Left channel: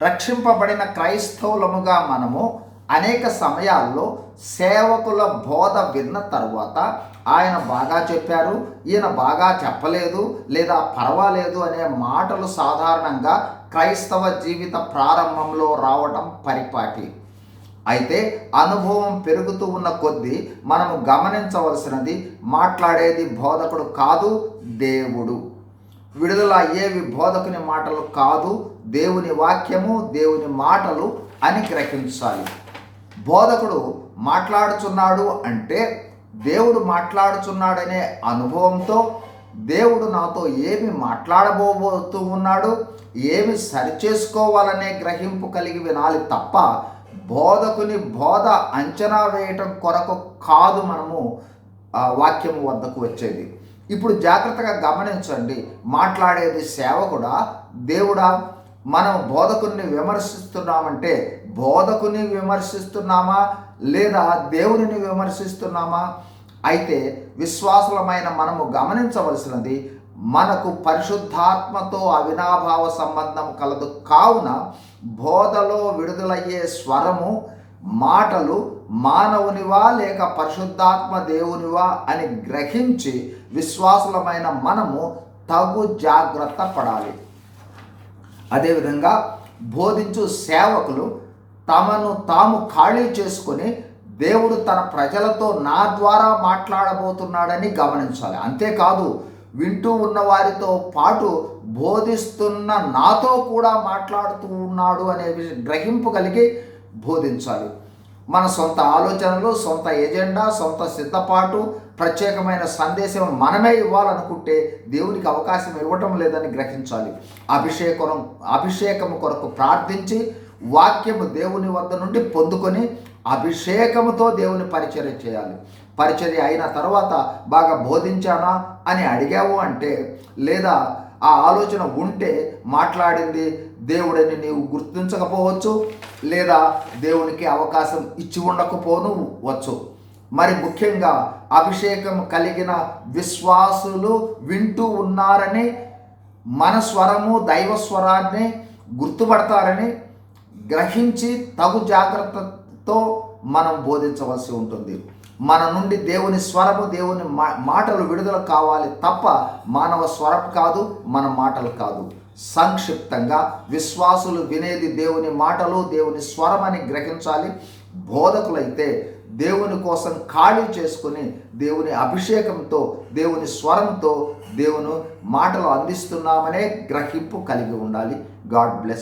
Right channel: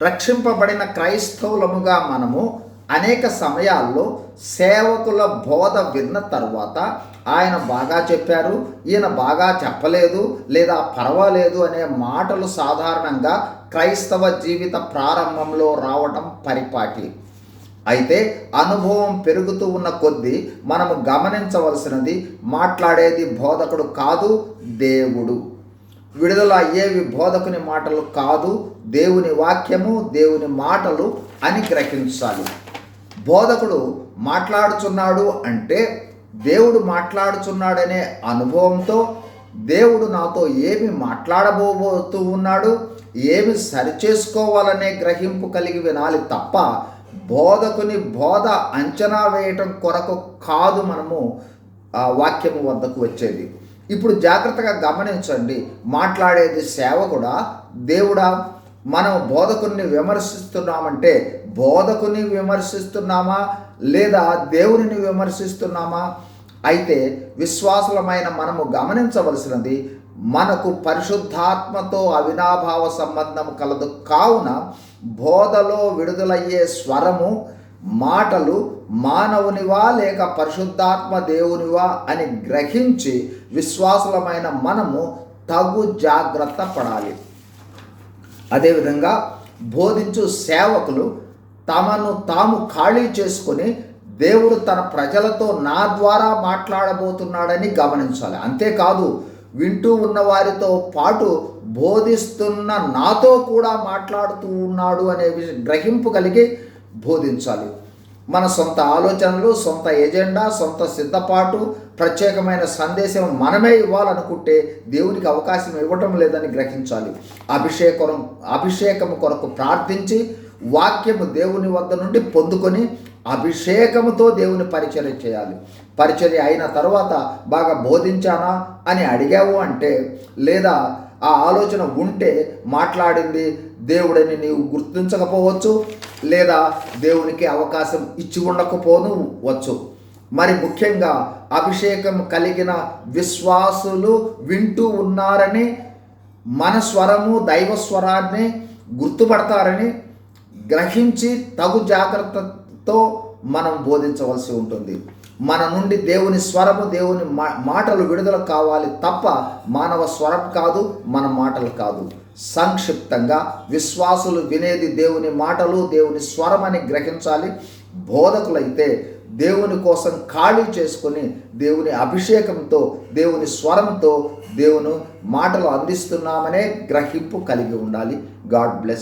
రక్షింపబడిన క్రైస్తవులముగా మనము అనేక సమయాల్లో సేవకుల బోధ విన్న తర్వాత ఆయన బాగా చెప్పారు, ఈయన బాగా చెప్పలేదు, లేదా పర్వాలేదు అనే మాటలు సాధారణంగా క్రైస్తవ జీవిత ప్రారంభంలో రావటం పరిపాటి. అయితే అనుభవం పెరుగుతూ ఉన్న కొద్దీ మనము గమనించవలసినది, మాట్లాడేది బోధకుడు కాదు, దేవుడు. విడుదల అయ్యేవి బోధకుని మాటలు కాదు, దేవుని వాక్యము, దేవుని మాటలు అని గ్రహించాలి. బోధకుడు మాట్లాడుచున్నాడు అంటే దేవుడు మాట్లాడుచున్నాడనే అనుభవంతో, దేవుడు నాతో ఏమి మాట్లాడబోతూ ఉన్నాడు, ఏమి సరిచేసుకోవాలనే గ్రహింపు కలిగి వినాలి తప్ప బోధకుని బోధ అంచనా వేయటం కొరకు కాదు మనము వాక్యము వద్దకు వచ్చేది. ఇప్పుడు జాగ్రత్తగా గమనించండి, మాట్లాడేది సేవకుడా, దేవుడా? మనం బోధకుని విమర్శిస్తున్నామంటే బోధకుని విమర్శిస్తున్నామా లేదా దేవునిని విమర్శిస్తున్నామా? అయితే విశ్వాసులమైన మనము గమనించవలసినది, మనకు పరిశుద్ధాత్మతో అవినాభావ సంబంధం కలదు. కావున బోధలో విడుదలయ్యే స్వరము, మాటలు మానవునివా లేక పరిశుద్ధాత్మ దేవునివా అని గ్రహించి విశ్వాసులమైన మనము తగు జాగ్రత్త పడాలి. అదేవిధంగా బోధించు సేవకులు తమను తాము ఖాళీ చేసుకొని దేవుడు తన ప్రజలతో నా ద్వారా మాట్లాడబోతున్నాడని గమనించాలి. అంతేకాదు, వింటూ ఉన్న వారితో పాటు బోధిస్తున్న నాతో కూడా మాట్లాడుతూ ఉన్నాడు అనే గ్రహింపు కలిగి బోధించాలి. మన సొంత ఆలోచనలు, సొంత ఎజెండా, సొంత సిద్ధపాటు, ప్రత్యేకమైన సందేశం మనమే ఇవ్వాలనుకుంటే దేవునికి అవకాశం ఇవ్వటం లేదని గ్రహించాలి. అభిషేకము కొరకు ప్రార్థించి వాక్యము దేవుని వద్ద నుండి పొందుకొని అభిషేకముతో దేవుని పరిచర్య చేయాలి. పరిచర్య అయిన తర్వాత బాగా బోధించానా అని అడిగావు అంటే, లేదా ఆ ఆలోచన ఉంటే మాట్లాడింది దేవుడని నీవు గుర్తించకపోవచ్చు, లేదా దేవునికి అవకాశం ఇచ్చి ఉండకపోను వచ్చు. మరి ముఖ్యంగా అభిషేకం కలిగిన విశ్వాసులు వింటూ ఉన్నారని, మన స్వరము దైవ స్వరాన్ని గుర్తుపడతారని గ్రహించి తగు జాగ్రత్తతో మనం బోధించవలసి ఉంటుంది. మన నుండి దేవుని స్వరము, దేవుని మాటలు విడుదల కావాలి తప్ప మానవ స్వరం కాదు, మన మాటలు కాదు. సంక్షిప్తంగా విశ్వాసులు వినేది దేవుని మాటలు, దేవుని స్వరం అని గ్రహించాలి. బోధకులైతే దేవుని కోసం ఖాళీ చేసుకొని దేవుని అభిషేకంతో, దేవుని స్వరంతో దేవుని మాటలు అందిస్తున్నామనే గ్రహింపు కలిగి ఉండాలి. God bless.